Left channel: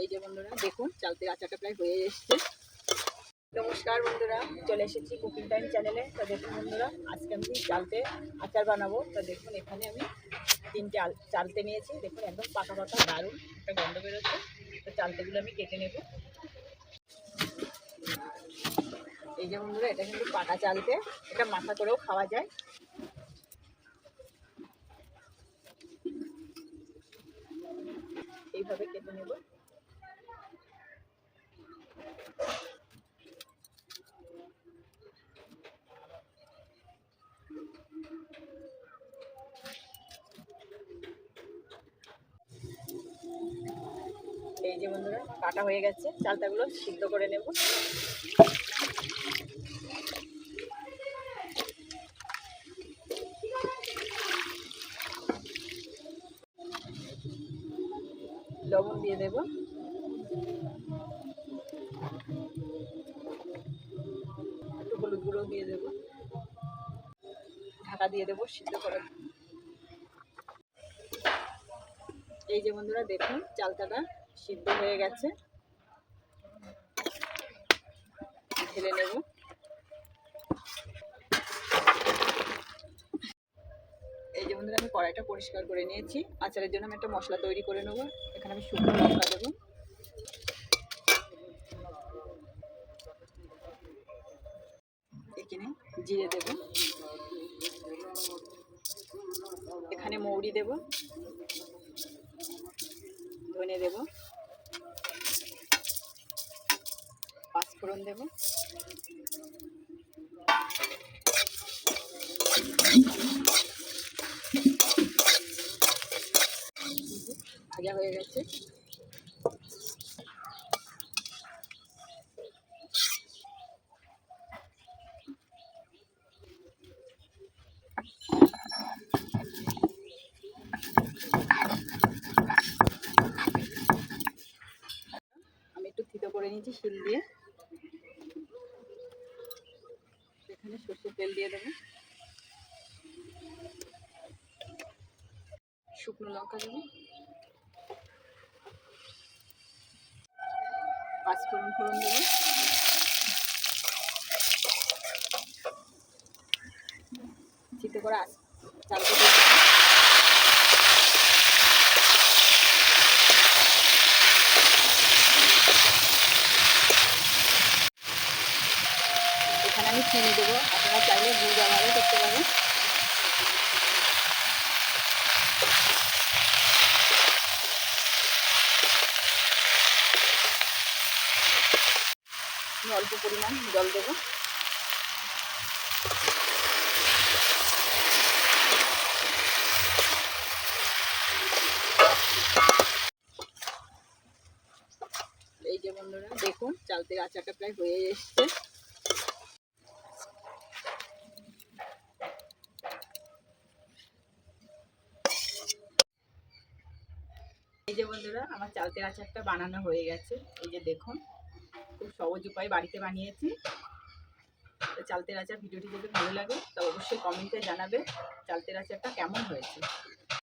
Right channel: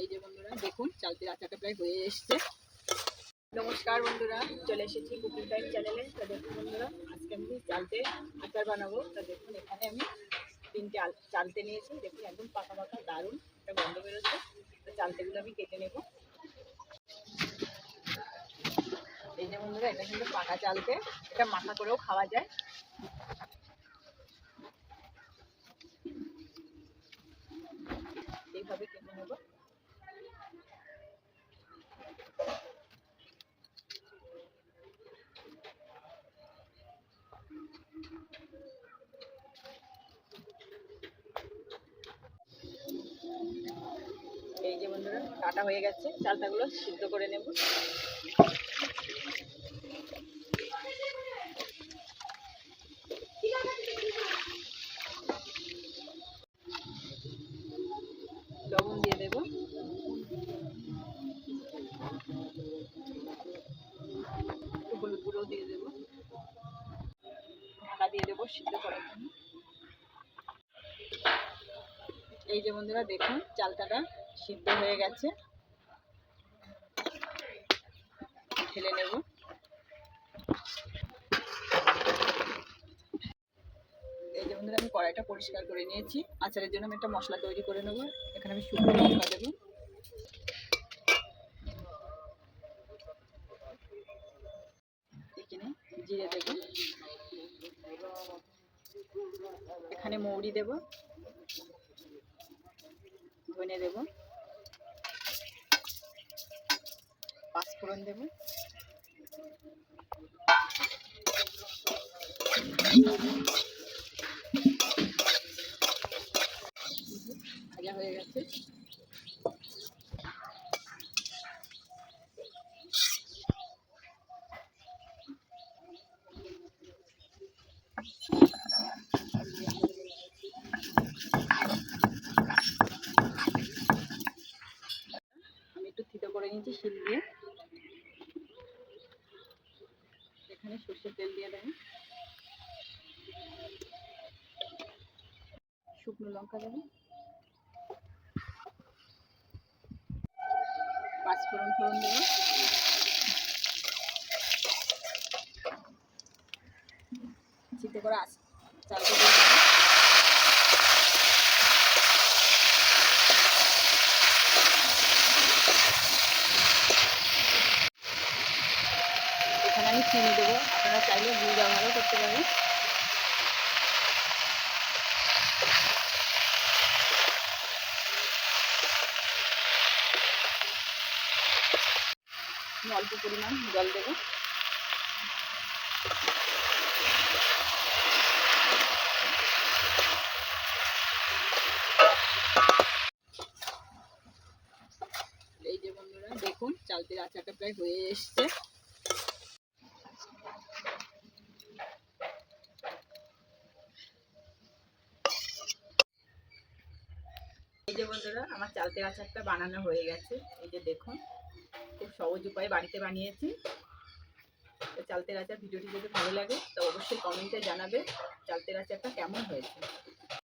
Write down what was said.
এই যে বন্ধুরা দেখুন চালতের আচারটা প্রায় হয়ে এসছে। নমস্কার বন্ধুরা, চলে এসেছি কুকিং টাইম চ্যানেলে। তো দেখুন বন্ধুরা, আজকে আমি চালতে আচার বানাবো। তো দেখুন এখানে আমি 3টে চালতে নিয়েছি। দেখুন একদম পাকা পাকা দারুণ একটা গন্ধ বেরোচ্ছে। তো চালতেগুলো আমি কেটে নেব। এই যে বন্ধুরা, এটা কিন্তু পাকা চালতে, এটা মাখা করেও খাওয়া যায়। এইভাবে কেটে নেব। এই যে বন্ধুরা, কাটা হয়ে গেছে। চালতাগুলো সিদ্ধ করে নেব। লবণ দিয়ে দেব, একটু হলুদ গুঁড়ো দিয়ে দেব, ঢাকা দিয়ে দেবো সিদ্ধ করার জন্য। এই যে বন্ধুরা দেখুন চালতাটা সিদ্ধ হয়ে গেছে। ঢেলে নেব। এই যে বন্ধুরা, আমি কড়াইটা পরিষ্কার করে নিয়েছি। আচারের জন্য আমি একটা মশলা তৈরি করে নেব। এখানে আমি শুকনো লঙ্কা দেব, এখানে জিরে দেব, এখানে মৌরি দেব, ধনে দেব, পাঁচফোড়ন দেব, ভাজা হয়ে গেছে। আমি একটু থিতো করে নিয়েছি শিল দিয়ে। এখানে সর্ষের তেল দিয়ে দেবো, শুকনো লঙ্কা দেবো, পাঁচফোড়ন দেবো, সিদ্ধ করা চালটা দিয়ে দেবো। এখানে আমি চিনি দেবো, আপনারা চাইলে গুড় ব্যবহারও করতে পারেন। আমি অল্প পরিমাণ জল দেবো। এই যে বন্ধুরা দেখুন চালতের আচারটা প্রায় হয়ে এসছে। এই যে বন্ধুরা, আমার চালতের আচারটা বানানো হয়ে গেছে। এই যে দেখুন, খুব সহজ উপায়ে বাড়িতে বানিয়েছি। তো চালতের আচার ভিডিওটি যদি ভালো লাগে তো অবশ্যই কমেন্টে জানাবে চালতের আচারটা কেমন হয়েছে।